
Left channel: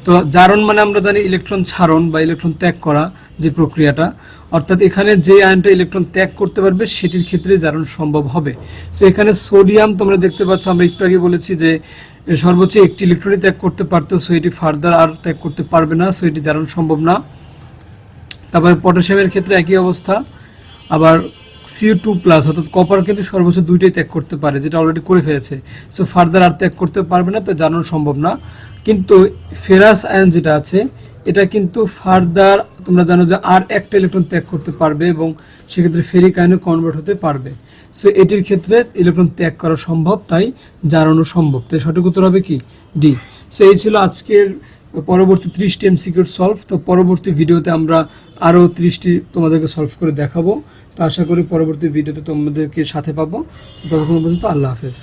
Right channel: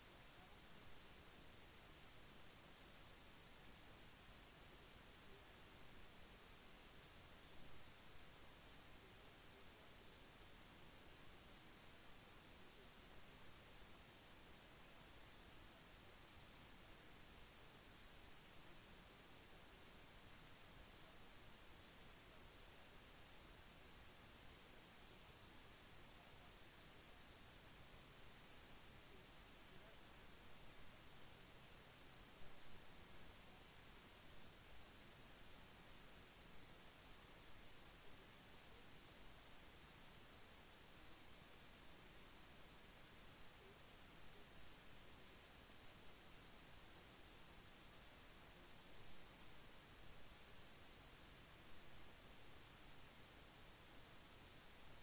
তো জারণ মানে আমরা জানি ইলেকট্রন ছাড়ন বা ইলেকট্রন ত্যাগ করা যে প্রক্রিয়াটা, অর্থাৎ এখানে যে আয়নটা ইলেকট্রন ত্যাগ করতে পারবে সেটির ক্ষেত্রে জারণ সম্ভব হবে। সো এখানে সোডিয়াম তোমরা দেখতে পাচ্ছ, আমরা একটু আগে বলেছি যে সর্বোচ্চ একটি ইলেকট্রনই ত্যাগ করতে পারতো, সো এটি ফার্দার আর ত্যাগ করতে পারবে না, সো এটি জারণ সম্ভব না। তারপরে পটাশিয়ামের ক্ষেত্রে একই অবস্থা। আবার CO2+ অর্থাৎ কপার কিন্তু সর্বোচ্চ 2টাই ত্যাগ করতে পারে, যেটা অলরেডি করে ফেলেছে, সো ফার্দার আর ত্যাগ করতে পারবে না, তা জানানো সম্ভব না। কিন্তু ফেরাস আয়ন যেটা আছে এটা কিন্তু ফার্দার তোমরা জানো যে আর একটা ইলেকট্রন ত্যাগ করতে পারবে এবং সেক্ষেত্রে ফেরিক আয়নে কনভার্ট হতে পারবে। সো এটির ক্ষেত্রে ইলেকট্রন ত্যাগ করা সম্ভব, তাই জানানো সম্ভব। তাই সঠিক উত্তর হবে কি ডি। সো এই ছিল আজকের পরবর্তী 30টি এমসিকিউ সলভ। তো পরবর্তী ভিডিওতে আমরা আরও 30টি তোমাদেরকে সলভ করে দেখাবো। তো আশা করি পরবর্তী ভিডিওতে তোমাদেরকে সাথে পাবো। ততক্ষণ পর্যন্ত আল্লাহ হাফেজ।